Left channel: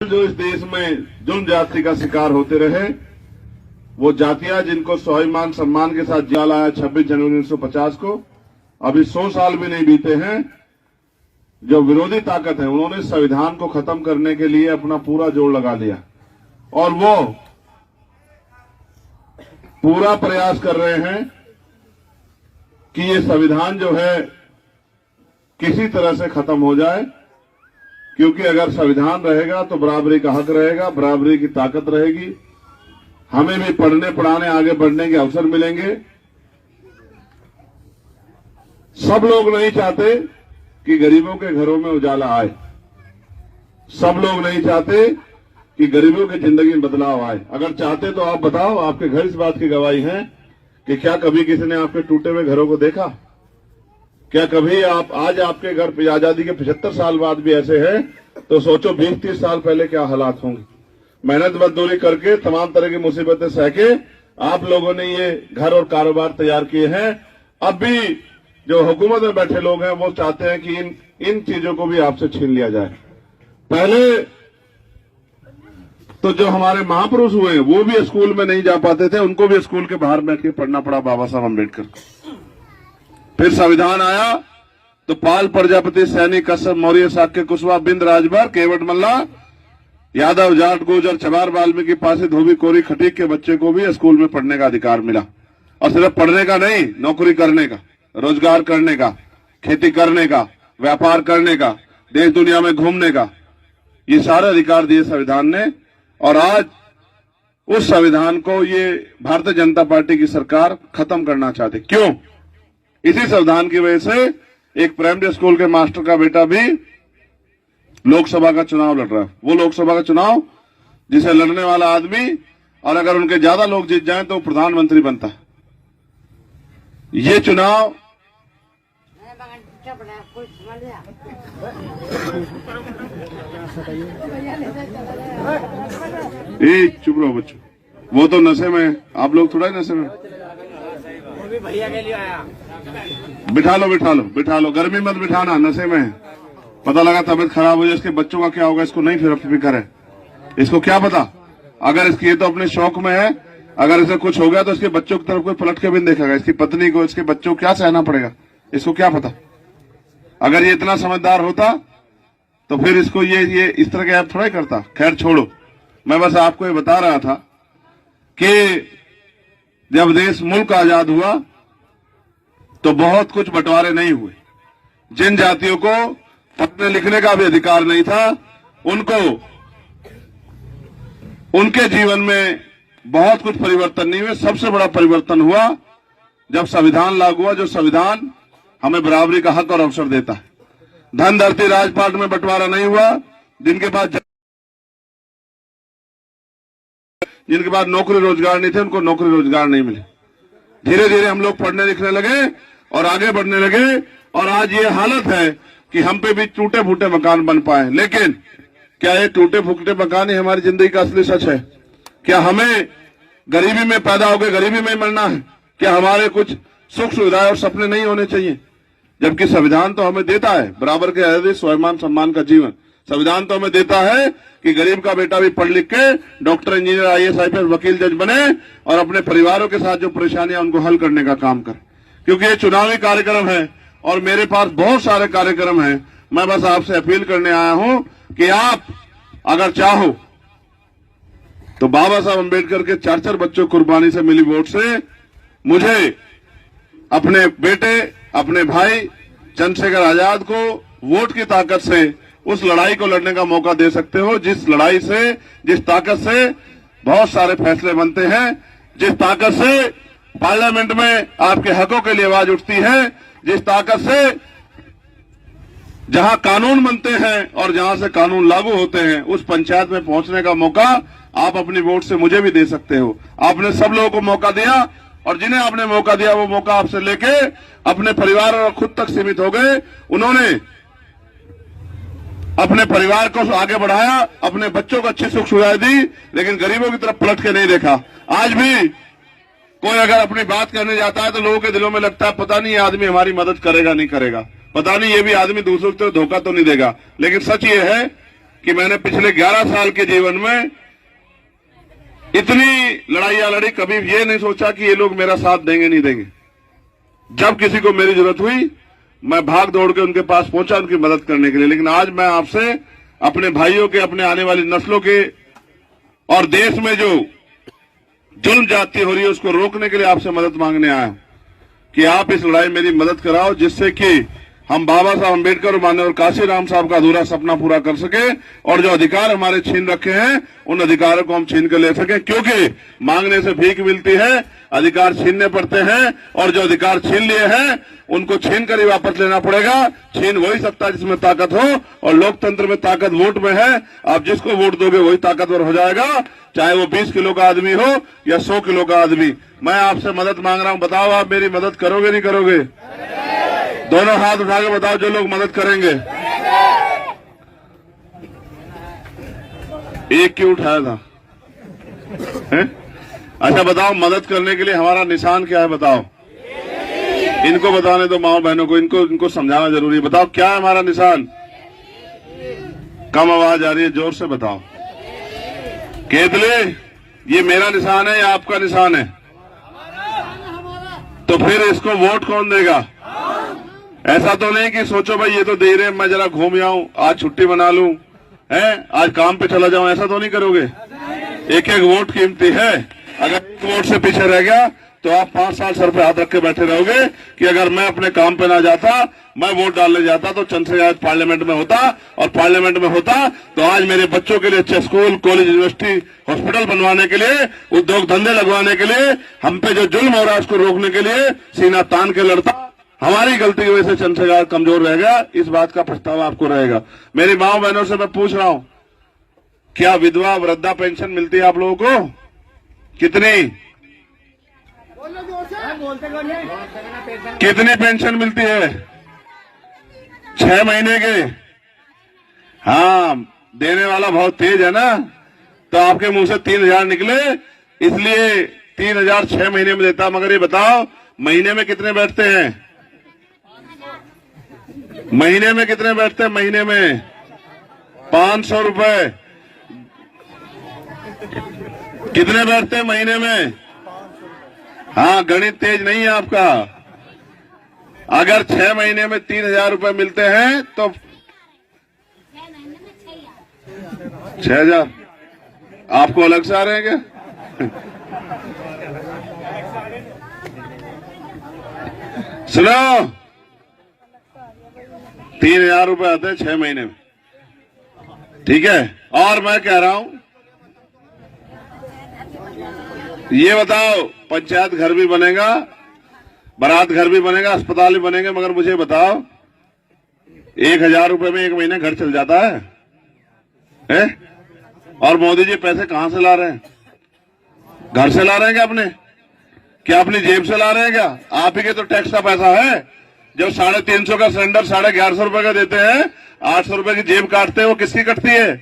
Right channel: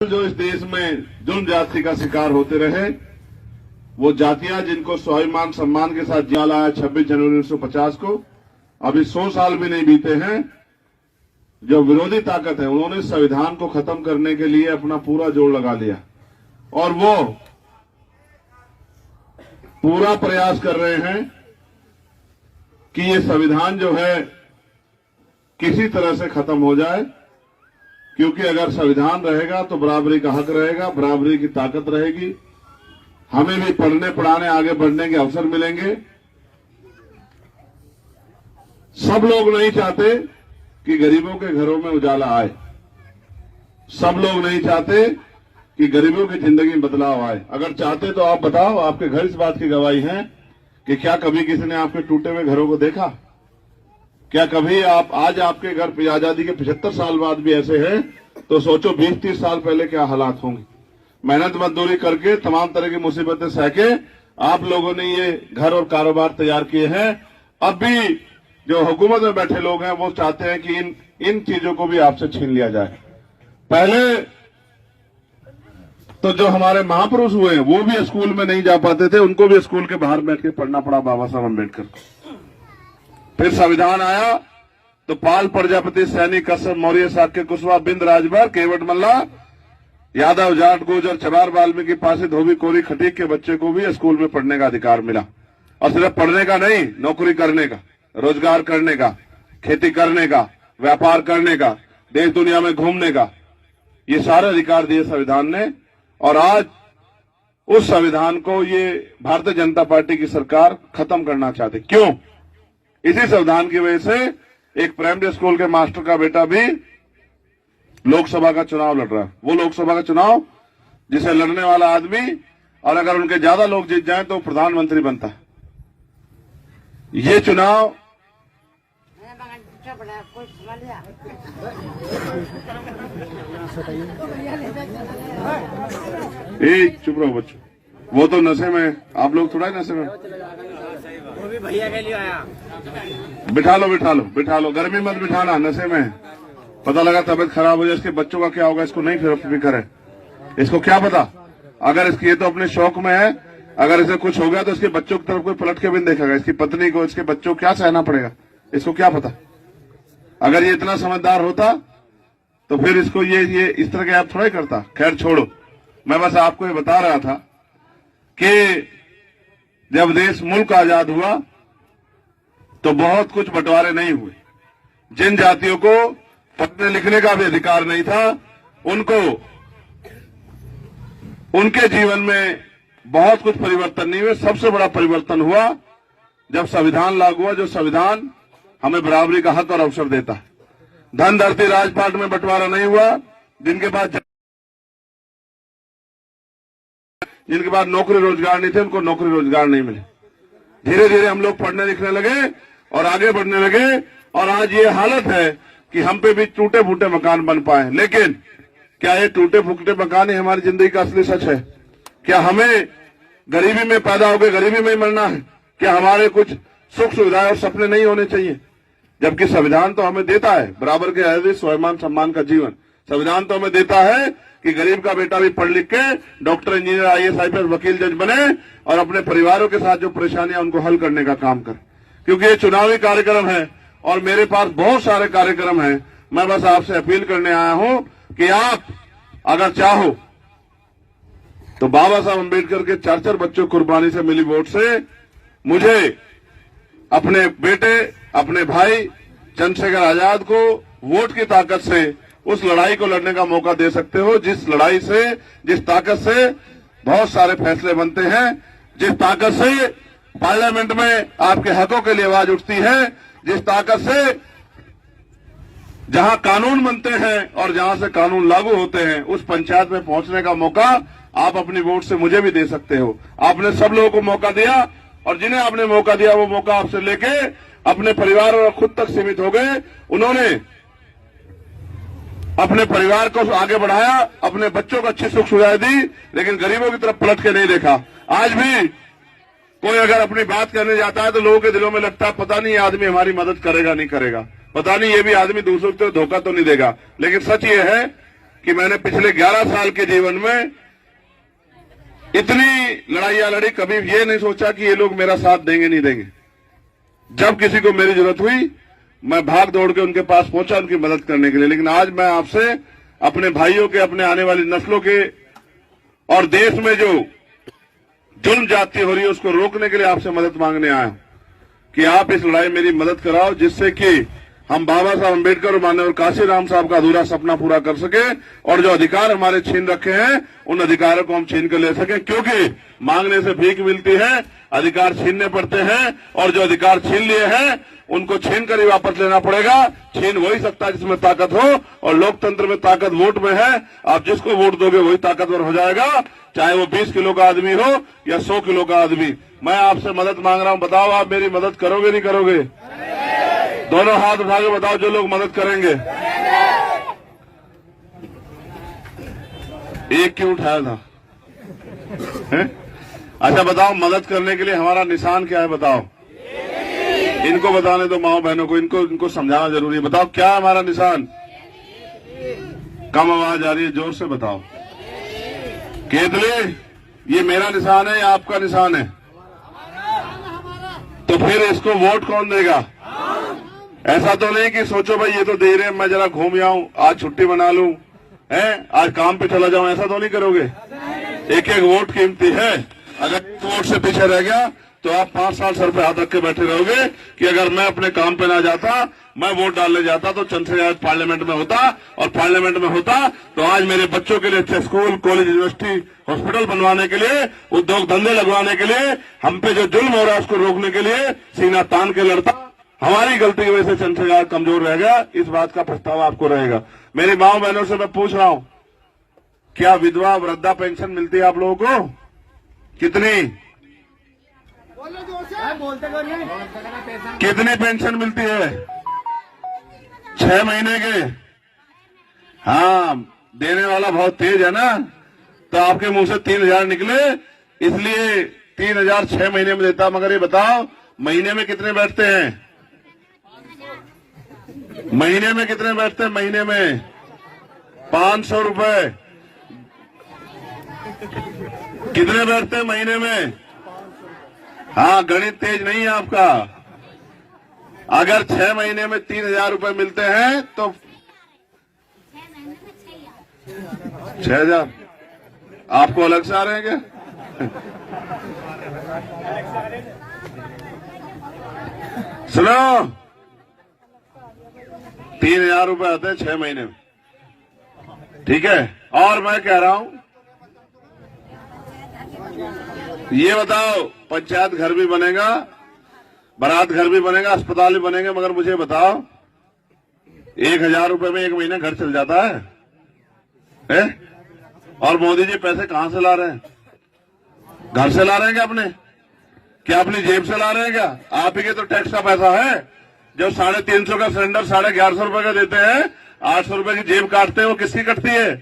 जो इस देश में जुल्म जाति का शिकार होते रहे, वो जातियां जिनको स्वाभिमान सम्मान के साथ जिया लाया 26 जनवरी 1950 को, अभी 100 साल भी नहीं बीते हैं, जो विरोधी ताकत है उन्होंने संविधान को खत्म करने के लिए अपना पूरा जोर लगा लिया और वो पूरा प्रयास कर रहे हैं कि ये संविधान जो है किसी तरह से खत्म हो जाए, क्योंकि अगर संविधान रहेगा तो बराबरी का हक रहेगा, बराबरी की ताकत रहेगी, हमें भी पढ़ने पढ़ाने आगे बढ़ने के अवसर मिलेंगे। सब लोग नहीं चाहते कि गरीबों के घरों में उजाला आए, सब लोग नहीं चाहते कि गरीबों की जिंदगी में बदलाव आए। अगर चाहते तो आप बताओ, आपके घर इस बात की गवाही है कि क्या कभी किसी ने आपके टूटे हुए घरों को देखा? क्या कभी आप आज आपके घर पे आजादी के 75 साल बाद भी ऐसे हैं तो सोचो 20-30 साल पहले क्या हालात होंगे। मेहनत मजदूरी करके तमाम तरह की मुसीबतें सह के आप लोगों ने ये घर और कारोबार तैयार किए हैं। अब भी जो हुकूमत में बैठे लोग हैं वो चाहते हैं कि इन चीजों को भी आपसे छीन लिया जाए। पहले तो जो हमारे महापुरुष हुए हैं वो भी स्कूल में नहीं जा पाते थे, उनको भी स्कूल के बाहर बैठ के पढ़ना पड़ा बाबा साहब अम्बेडकर। फिर संविधान आया तो पाल, प्रजापति, सैनी, कसर, मौर्य, शाक्य, कुशवाहा, बिंद, राजभर, केवट मल्ला, यादव, जाट, गुर्जर, चमार, वाल्मीकि, पासी, धोबी, कोरी, खटीक के बच्चे को भी स्कूल में पढ़ने का अधिकार मिला। और सिर्फ पढ़ने का नहीं, नौकरी करने का, रोजगार करने का, खेती करने का, व्यापार करने का, देश दुनिया में घूमने का, ये सारे अधिकार दिए संविधान ने। और आज उस संविधान को ये भारतीय जनता पार्टी की सरकार खत्म करना चाहती। क्यों? इसी संविधान की वजह से एक प्राइमरी स्कूल के मास्टर का बेटा भी लोकसभा का चुनाव लड़ रहा है। वो लोकसभा का चुनाव जिसे लड़ने वाला आदमी, और अगर उनके ज्यादा लोग जीत जाएं तो प्रधानमंत्री बनता है। ये चुनाव चुप रहो बच्चों, वो तो नशे में, आप लोग थोड़ा नशे में। वो भी भैया के लिए आया। बिठा लो, गर्मी मत बिठाना, नशे में। पता लगा तबीयत खराब हो जाए, इसके बच्चों का क्या होगा इसको नहीं फिक्र है। इसको क्या पता, अगर इसकी ये तो अपने शौक में है, अगर इसे कुछ हो गया तो इसके बच्चों की तरफ कोई पलट के भी नहीं देखेगा, इसकी पत्नी को, इसके बच्चों को क्या सहना पड़ेगा, इसको क्या पता। अगर ये इतना समझदार होता तो फिर इसको ये इस तरह के ऐप थोड़ा ही करता। खैर छोड़ो, मैं बस आपको ये बता रहा था कि जब देश मुल्क आजाद हुआ तो बहुत कुछ बंटवारे नहीं हुए। जिन जातियों को पढ़ने लिखने का भी अधिकार नहीं था, उनको उनके जीवन में बहुत कुछ परिवर्तन नहीं हुए। सबसे बड़ा परिवर्तन हुआ जब संविधान लागू हुआ, जो संविधान हमें बराबरी का हक और अवसर देता है। धन धरती राजपाट में बंटवारा नहीं हुआ। जिनके पास नौकरी रोजगार नहीं थे उनको नौकरी रोजगार नहीं मिले। धीरे धीरे हम लोग पढ़ने लिखने लगे और आगे बढ़ने लगे, और आज ये हालत है कि हम पे भी टूटे फूटे मकान बन पाए। लेकिन क्या ये टूटे फूटे मकान ही हमारी जिंदगी का असली सच है? क्या हमें गरीबी में पैदा होकर गरीबी में मरना है? क्या हमारे कुछ सुख सुविधा और सपने नहीं होने चाहिए? जबकि संविधान तो हमें देता है बराबर के आजादी, स्वाभिमान सम्मान का जीवन। संविधान तो हमें देता है कि गरीब का बेटा भी पढ़ लिख के डॉक्टर, इंजीनियर, IAS, IPS, वकील, जज बने और अपने परिवारों के साथ जो परेशानियां उनको हल करने का काम करे। क्योंकि ये चुनावी कार्यक्रम है और मेरे पास बहुत सारे कार्यक्रम हैं। मैं बस आपसे अपील करने आया हूं कि आप अगर चाहो तो बाबा साहब अम्बेडकर के 4 बच्चों की कुर्बानी से मिली वोट से मुझे अपने बेटे, अपने भाई चंद्रशेखर आजाद को वोट की ताकत से उस लड़ाई को लड़ने का मौका दे सकते हो, जिस लड़ाई से, जिस ताकत से बहुत सारे फैसले बनते हैं, जिस ताकत से पार्लियामेंट में आपके हकों के लिए आवाज उठती है, जिस ताकत से जहां कानून बनते हैं और जहां से कानून लागू होते हैं उस पंचायत में पहुंचने का मौका आप अपनी वोट से मुझे भी दे सकते हो। आपने सब लोगों को मौका दिया और जिन्हें आपने मौका दिया वो मौका आपसे लेके अपने परिवार और खुद तक सीमित हो गए। उन्होंने अपने परिवार को आगे बढ़ाया, अपने बच्चों को अच्छी सुख सुविधाएं दी, लेकिन गरीबों की तरफ पलट के नहीं देखा। आज भी कोई अगर अपनी बात करने जाता है तो लोगों के दिलों में लगता है पता नहीं ये आदमी हमारी मदद करेगा नहीं करेगा, पता नहीं ये भी आदमी दूसरों को धोखा तो नहीं देगा। लेकिन सच ये है कि मैंने पिछले 11 साल के जीवन में इतनी लड़ाइयां लड़ी, कभी ये नहीं सोचा कि ये लोग मेरा साथ देंगे नहीं देंगे। जब किसी को मेरी जरूरत हुई मैं भाग दौड़ के उनके पास पहुंचा उनकी मदद करने के लिए। लेकिन आज मैं आपसे अपने भाइयों के, अपने आने वाली नस्लों के और देश में जो जुल्म जाती हो रही है उसको रोकने के लिए आपसे मदद मांगने आया कि आप इस लड़ाई मेरी मदद कराओ, जिससे कि हम बाबा साहब अम्बेडकर और माननीय काशीराम साहब का अधूरा सपना पूरा कर सके और जो अधिकार हमारे छीन रखे हैं उन अधिकारों को हम छीन कर ले सके। क्योंकि मांगने से भीख मिलती है, अधिकार छीनने पड़ते हैं, और जो अधिकार छीन लिए हैं उनको छीन कर ही वापस लेना पड़ेगा। छीन वही सकता है जिसमें ताकत हो, और लोकतंत्र में ताकत वोट में है। आप जिसको वोट दोगे वही ताकतवर हो जाएगा, चाहे वो 20 किलो का आदमी हो या 100 किलो का आदमी। मैं आपसे मदद मांग रहा हूं, बताओ आप मेरी मदद करोगे नहीं करोगे? दोनों हाथ उठा के बताओ जो लोग मदद करेंगे। एक क्यों उठाया था? अच्छा बताओ, मदद करने के लिए हमारा निशान क्या है बताओ? इनको बताने दो, माओ बहनों को, इनको समझाना जरूरी है। बताओ क्या है हमारा निशान? कम आवाज आ रही है, जोर से बताओ। केतली, ये मेरा निशान है या आपका निशान है? तो फिर इसको वोट कौन देगा? ऐसा तो नहीं कि सोचो भाई ये तो दे रहे हैं, मैं जरा घूम जाऊं, आज छुट्टी बना लूं, आज काम पे चला जाऊं, ऐसा तो नहीं करोगे। एक एक वोट कीमती है। अगर वोट से पीछे रह गया तो आप 5 साल सर पे हाथ रख के बैठे रहोगे कि अगर मैं अपने काम पे ना जाता, मैं वोट डालने जाता तो चंद्रशेखर आज पार्लियामेंट में होता, और पार्लियामेंट में होता तो आज मेरे बच्चों के लिए अच्छे स्कूल, कॉलेज, यूनिवर्सिटी, हॉस्पिटल बनवाने के लिए, उद्योग धंधे लगवाने के लिए, हम पे जो जुल्म हो रहा है उसको रोकने के लिए सीना तान के लड़ता। हमारी गलती की वजह से चंद्रशेखर कमजोर रह गया, इस बात का पछतावा आपको रहेगा। मेरी माओ बहनों से मैं पूछ रहा हूं, क्या विधवा वृद्धा पेंशन मिलती है आप लोगों को? कितनी कितनी पेंशन मिलती है? 6 महीने के। हाँ, देने वाला बहुत तेज है ना, तो आपके मुंह से 3000 निकले, इसलिए 3000 6 महीने में देता। मगर ये बताओ महीने में कितने बैठते हैं? महीने में कितने बैठते हैं? महीने में 500 रुपए। कितने बैठते हैं महीने में? हाँ, गणित तेज नहीं है आपका। अगर 6 महीने में 3000 रुपए मिलते हैं तो 6000 आपको अलग से आ रहे हैं क्या? सुनो, 3000 रुपए आते हैं 6 महीने में, ठीक है। और मैं कह रहा हूं, ये बताओ, पंचायत घर भी बनेगा, बारात घर भी बनेगा, अस्पताल भी बनेंगे, मगर मुझे बताओ 1000 रुपए में 1 महीने घर चल जाता है? और मोदी जी पैसे कहां से ला रहे हैं? घर से ला रहे हैं क्या अपने? क्या अपनी जेब से ला रहे हैं क्या? आप ही के तो टैक्स का पैसा है। जब 350 का सिलेंडर 1150 रुपए का देते हैं, 800 रुपए की जेब काटते हैं, वो किसकी कटती है?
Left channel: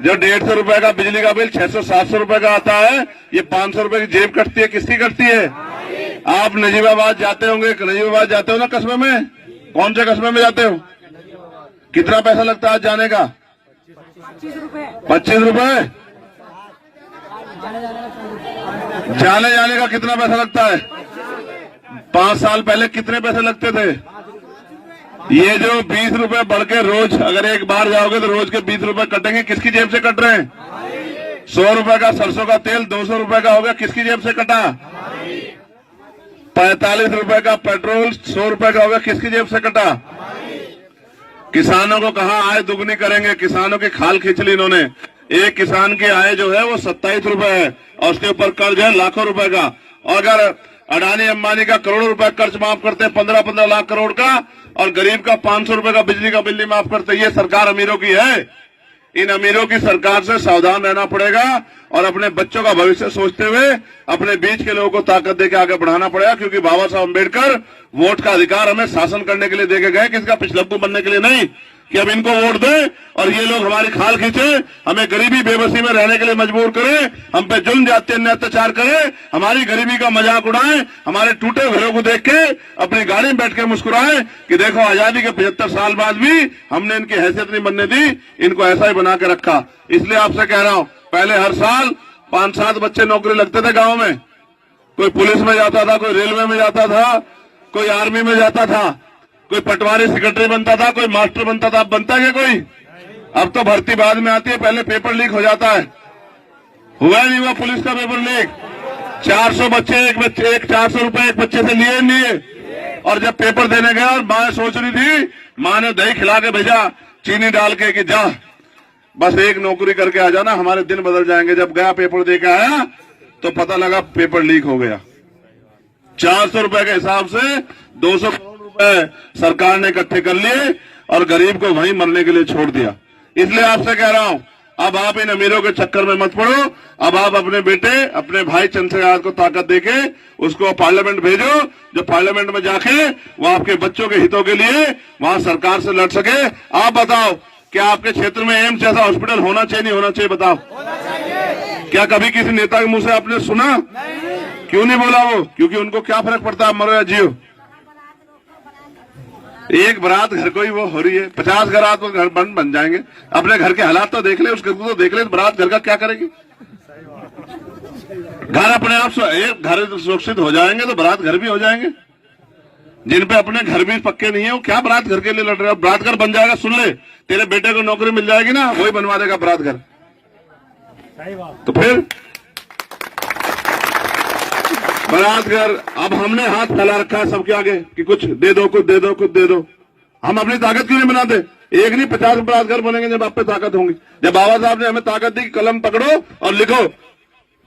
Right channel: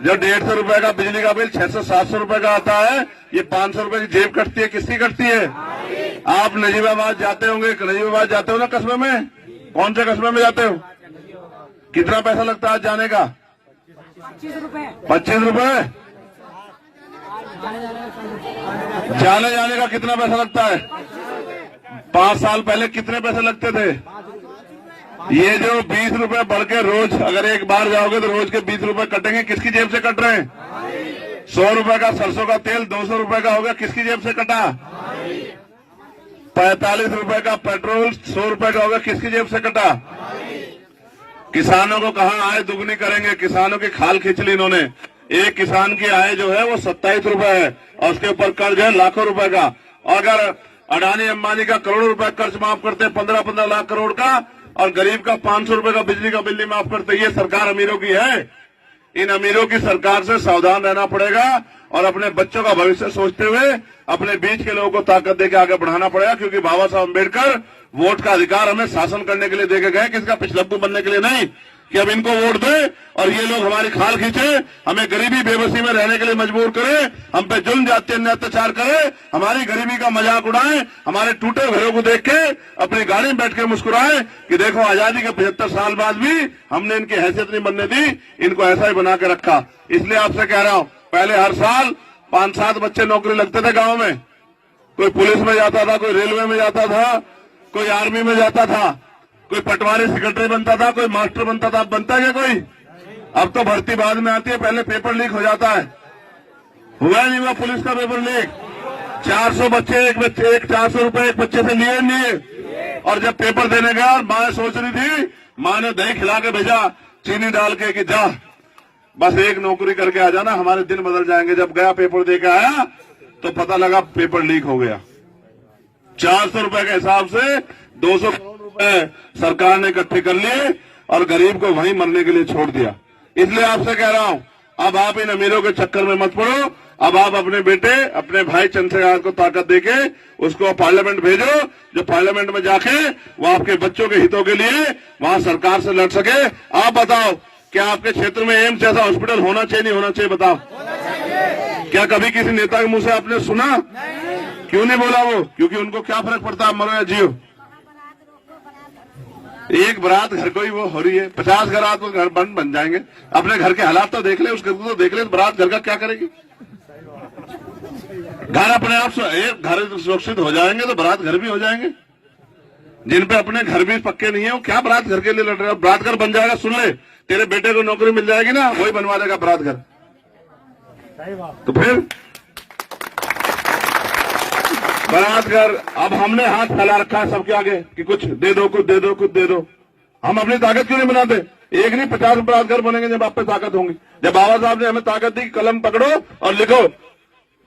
जब 150 रुपए का बिजली का बिल 600-700 रुपए का आता है, ये 500 रुपए की जेब कटती है, किसकी कटती है? आप नजीबाबाद जाते होंगे, नजीबाबाद जाते हो ना कस्बे में? कौन से कस्बे में जाते हो? कितना पैसा लगता है आज जाने का? 25 रुपए। जाने का कितना पैसा लगता है? 5 साल पहले कितने पैसे लगते थे? ये जो 20 रुपए बढ़ के रोज, अगर एक बार जाओगे तो रोज के 20 रुपए कटेंगे, किसकी जेब से कट रहे हैं? 100 रुपए का सरसों का तेल 200 रुपए का होगा, किसकी जेब से कटा? 45 रुपए का पेट्रोल 100 रुपए का होगा, किसकी जेब से कटा? किसानों को कहा आय दुगनी करेंगे, किसानों की खाल खींच ली इन्होंने। एक किसान की आय जो है वो 27 रुपए है, और उसके ऊपर कर्ज है लाखों रुपए का। अगर अडानी अंबानी का करोड़ों रुपए कर्ज माफ करते हैं, 15-15 लाख करोड़ का, और गरीब का 500 रुपए का बिजली का बिल नहीं माफ करते, ये सरकार अमीरों की है। इन अमीरों की सरकार से सावधान रहना पड़ेगा, और अपने बच्चों का भविष्य सोचते हुए अपने बीच के लोगों को ताकत देकर आगे बढ़ाना पड़ेगा। क्योंकि बाबा साहब अम्बेडकर वोट का अधिकार हमें शासन करने के लिए देके गए, किसका पिछलग्गू बनने के लिए नहीं। कि अब इनको वोट दे और ये लोग हमारी खाल खींचे, हमें गरीबी बेबसी में रहने के लिए मजबूर करे, हम पे जुल्म जाते अन्य अत्याचार करे, हमारी गरीबी का मजाक उड़ाए, हमारे टूटे घरों को देख के अपनी गाड़ी में बैठ के मुस्कुराए कि देखो आजादी के 75 साल बाद भी हमने इनकी हैसियत नहीं बनने दी, इनको ऐसा ही बना के रखा। इसलिए आपसे कह रहा हूं, पहले हर साल 5-7 बच्चे नौकरी लगते थे गांव में, कोई पुलिस में जाता था, कोई रेलवे में जाता था, कोई आर्मी में जाता था, कोई पटवारी सेक्रेटरी बनता था, कोई मास्टर बनता था। अब बनता है क्या कोई? अब तो भर्ती बाद में आती है, पहले पेपर लीक हो जाता है। हुआ नहीं हुआ पुलिस का पेपर लीक? 400 बच्चे एक 400 रुपए एक बच्चे से लिए नहीं। और जब पेपर देने गया और माँ सोच रही थी, माँ ने दही खिला के भेजा चीनी डाल के कि जा बस एक नौकरी करके आ जाना, हमारे दिन बदल जाएंगे। जब गया पेपर दे के आया तो पता लगा पेपर लीक हो गया। 400 रुपए के हिसाब से 200 करोड़ रुपए सरकार ने इकट्ठे कर लिए और गरीब को वहीं मरने के लिए छोड़ दिया। इसलिए आपसे कह रहा हूं, अब आप इन अमीरों के चक्कर में मत पड़ो। अब आप अपने बेटे, अपने भाई चंद्रशेखर को ताकत देके उसको पार्लियामेंट भेजो, जो पार्लियामेंट में जाके वो आपके बच्चों के हितों के लिए वहां सरकार से लड़ सके। आप बताओ, क्या आपके क्षेत्र में एम्स जैसा हॉस्पिटल होना चाहिए नहीं होना चाहिए? बताओ। क्या कभी किसी नेता के मुंह से आपने सुना? क्यों नहीं बोला वो? क्योंकि उनको क्या फर्क पड़ता है मरो या जियो। एक बारात घर को ही वो हो रही है, 50 घर तो घर बन जाएंगे। अपने घर के हालात तो देख ले, उस घर को तो देख ले, बारात घर का क्या करेगी? घर अपने आप से एक घर सुरक्षित हो जाएंगे तो बारात घर भी हो जाएंगे। जिन पे अपने घर भी पक्के नहीं है वो क्या बारात घर के लिए लड़ रहे हैं? बारात घर बन जाएगा, सुन ले, तेरे बेटे को नौकरी मिल जाएगी ना, वही बनवा देगा बारात घर। तो फिर बारात घर, अब हमने हाथ फैला रखा है सबके आगे कि कुछ दे दो, कुछ दे दो, कुछ दे दो। हम अपनी ताकत क्यों नहीं बनाते? एक नहीं 50 बारात घर बनेंगे जब आप पे ताकत होंगी। जब बाबा साहब ने हमें ताकत दी, कलम पकड़ो और लिखो,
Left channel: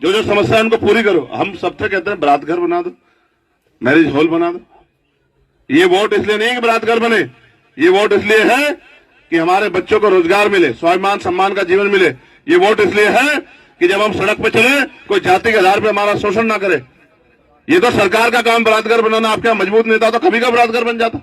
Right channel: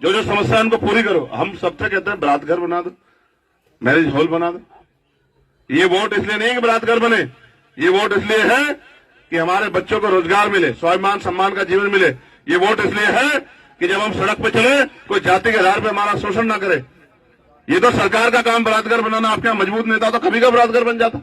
जो जो समस्या है इनको पूरी करो। हम सबसे कहते हैं बारात घर बना दो, मैरिज हॉल बना दो। ये वोट इसलिए नहीं है कि बारात घर बने, ये वोट इसलिए है कि हमारे बच्चों को रोजगार मिले, स्वाभिमान सम्मान का जीवन मिले। ये वोट इसलिए है कि जब हम सड़क पर चले कोई जाति के आधार पर हमारा शोषण ना करे। ये तो सरकार का काम बारात घर बनाना। आपका मजबूत नेता तो कभी का बारात घर बन जाता।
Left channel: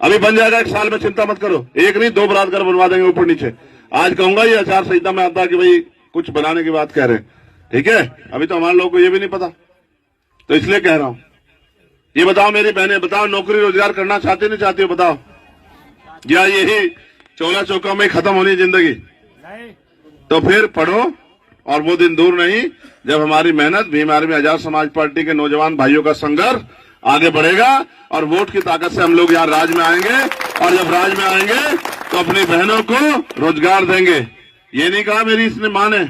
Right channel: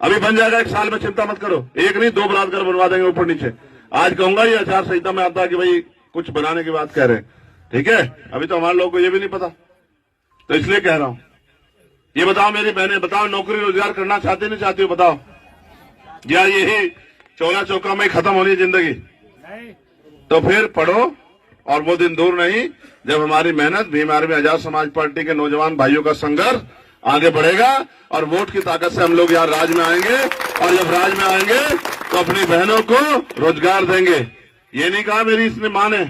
अभी बन जाएगा, 1 साल में, चिंता मत करो। एक नहीं 2 बारात घर बनवा देंगे ऊपर नीचे। आज कहूंगा ये आचार संहिता में आता है कि भाई कुछ बनाने की बात कह रहे हैं, ठीक है? अभी तो हमारे लोगों को ये भी नहीं पता, तो इसलिए कह रहा हूं। ये बताओ मेरी बहनें, बताओ नौकरी रोजगार करना चाहते नहीं चाहती हो? बताओ। या यही चौला चौका में खत्म होनी जिंदगी? तो फिर पढ़ो, और वो दिन दूर नहीं जब हमारी मेहनत, भीम आर्मी आजाद समाज पार्टी के नौजवान भाइयों का संघर्ष आगे बढ़ेगा और वोट की ताकत से हम लोग यहाँ राज में आएंगे। और जब राज में आएंगे तो अपनी बहनों को रोजगार देंगे। ये नहीं कहा मेरी इसने मां ने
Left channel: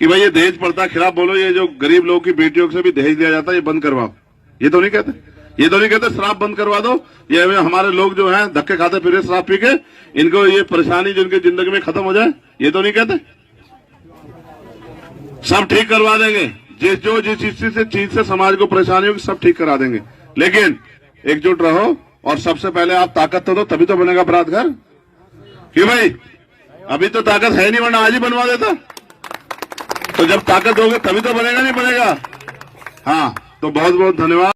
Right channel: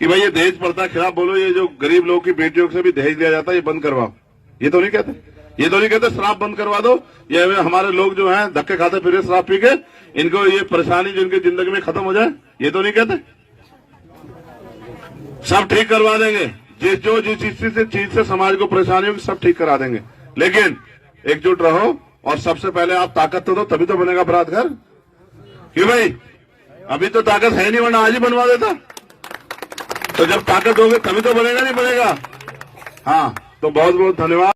कि भाई ये दहेज प्रथा खिलाफ बोलो, ये जो गरीब लोगों की बेटियों से भी दहेज दिया जाता है ये बंद करवाओ। ये तो नहीं कहते, ये तो नहीं कहते शराब बंद करवा दो। ये हमारे लोग जो हैं धक्के खाते फिर शराब पी के, इनको ये परेशानी जो इनकी जिंदगी में खत्म हो जाए, ये तो नहीं कहते। सब ठीक करवा देंगे, जिस चीज से समाज को परेशानी होगी सब ठीक करा देंगे। लेकिन एकजुट रहो और सबसे पहले आप ताकत तो दो, तभी तो बनेगा बारात घर। क्यों भाई? अभी तो ताकत है नहीं, वरना आज ही बनवा देता। तो जब ताकत होगी तभी तो बनेगा, नहीं बनेगा? हाँ, तो बहुत बहुत धन्यवाद।